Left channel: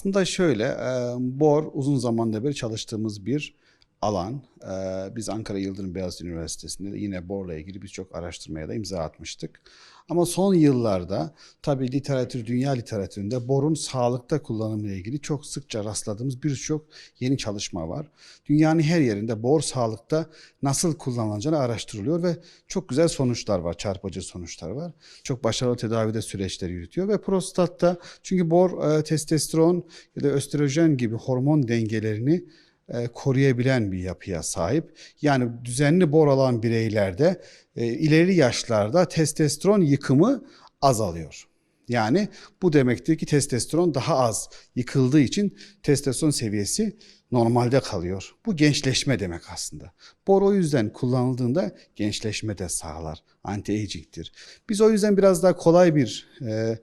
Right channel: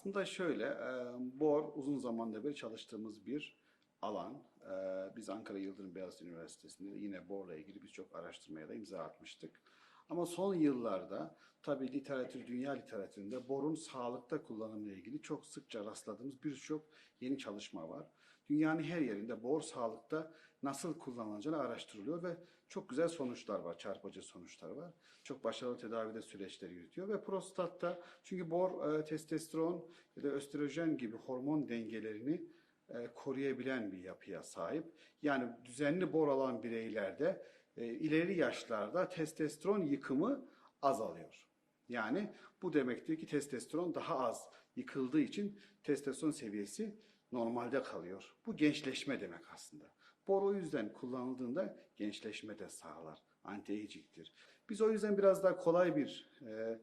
Aslında şöyle, e, bor uzun zamandan beri çalıştığımız bir alan. E, Biz Ankara Yıldırım Beyazıt Üniversitesi'nde de yine borla ilgili birçok araştırmaya da imza atmıştık. Ama son yıllarda tabii literatür, dünya literatüründe borun sağlıkta kullanımıyla ilgili çok sıkça rastladığımız birçok yeni çalışma var. Dünyanın her yerinde bor sağlıkta nasıl kullanılacağını araştırılıyor ve çok güzel sonuçlar var, çarpıcı sonuçlar var. Çok başarılı tedavide süreçleri yürütüyor ve prostatta çünkü bor testosteron ya da östrojen gibi hormon dengelerini koruyabilen bir yapıya sahip. Yani düzenli bor alan bireylerde e, ileri yaşlarda testosteron yıkımı azalıyor. Yani bu demektir ki testosteron daha az yıkıldığı için testosteron seviyesi normalde kalıyor. Bu gençleşme demek aslında. Bor o yüzden kullanıldığında gençleşme de sağlar. Anti-aging'tir. Biz o yüzden biraz daha kolay bir e,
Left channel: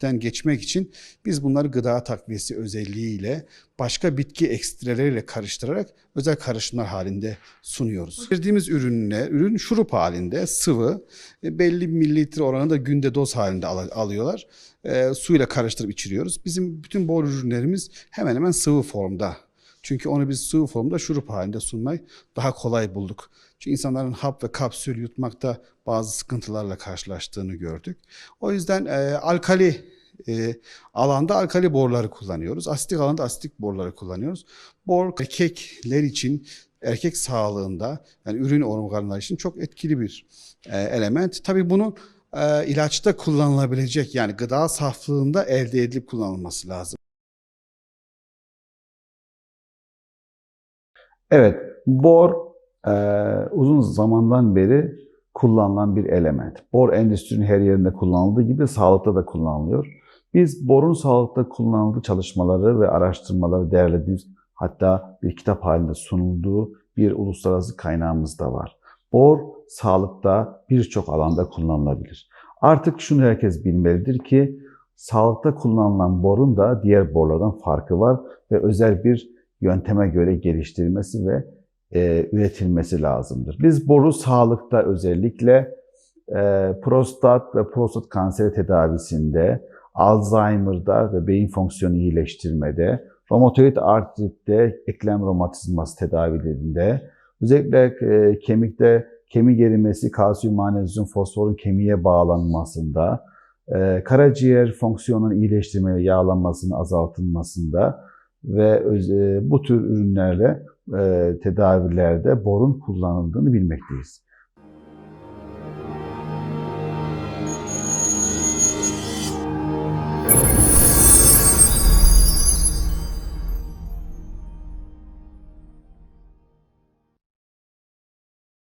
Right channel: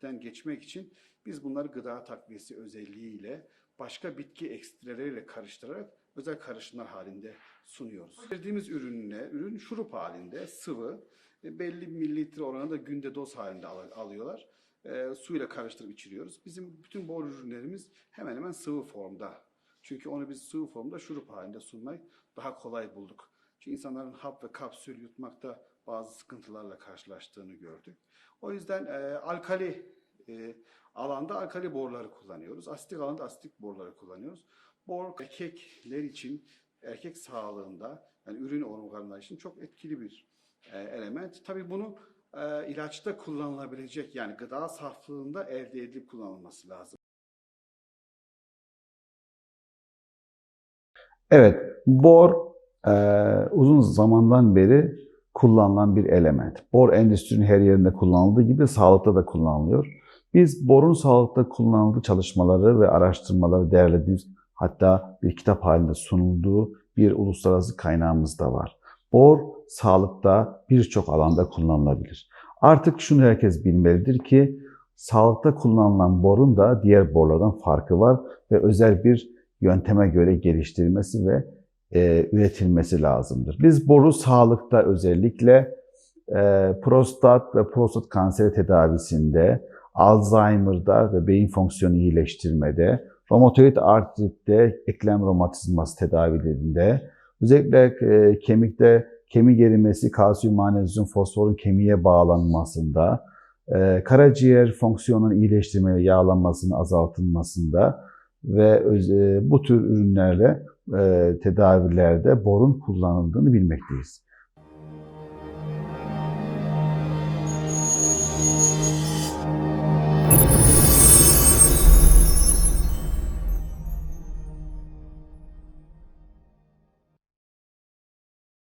süreçten geçmek için biz bunları gıda takviyesi özelliğiyle başka bitki ekstreleriyle karıştırarak özel karışımlar halinde sunuyoruz. Verdiğimiz ürünler, ürün şurup halinde sıvı, e, belli mililitre oranında günde doz halinde al- alıyorlar. E, suyla karıştırıp içiriyoruz. Bizim bütün bor ürünlerimiz hemen hemen sıvı formda. Çünkü onu biz sıvı formda şurup halinde sunmayı daha kolay bulduk. Çünkü insanların hap ve kapsül yutmakta bazı sıkıntılarla karşılaştığını gördük. O yüzden e, alkali e, alanda alkali borları kullanıyoruz. Asitik alanda asitik borları kullanıyoruz. Bor erkekler için erkek sağlığında yani ürün organları için çok etkili bir e, element. Tabii bunu e, ilaçta kullanılabilecek yani gıda saflığında elde edilip kullanılması lazım. Evet, bor e, uzun zamandan beri kullanılan bir element. Bor endüstrinin her yerinde kullanıldığı gibi sağlıkta da kullanılıyor. Biz borun sağlıkta kullanıldığı çalışmaları ve araştırmaları değerlediğimiz hatta bir kitap halinde sunulduğu bir uluslararası kaynağımız da var. Bor sağlıkta birçok alanda kullanılabilir. Artık şunu herkes bilmelidir ki sağlıkta kullanılan borun da diğer borlardan farkı var ve özel bir yönteme göre geliştirilmesi ve e, üretilmesi lazımdır. Biz boru sağlıkta özellikle e, prostat ve prostat kanseri tedavisinde, Alzheimer'da ve beyin fonksiyonu iyileştirmede, romatoid artritte, eklem romatizması tedavilerinde, özellikle e, kemikte kemik erimesi, kalsiyum, magnezyum, fosforun kemiğe bağlanmasında, e, karaciğer fonksiyonunun iyileştirme yağlanmasının azaltılmasında ve e, bu tür ürünlerle tedavilerde borun kullanıldığını bilmekteyiz.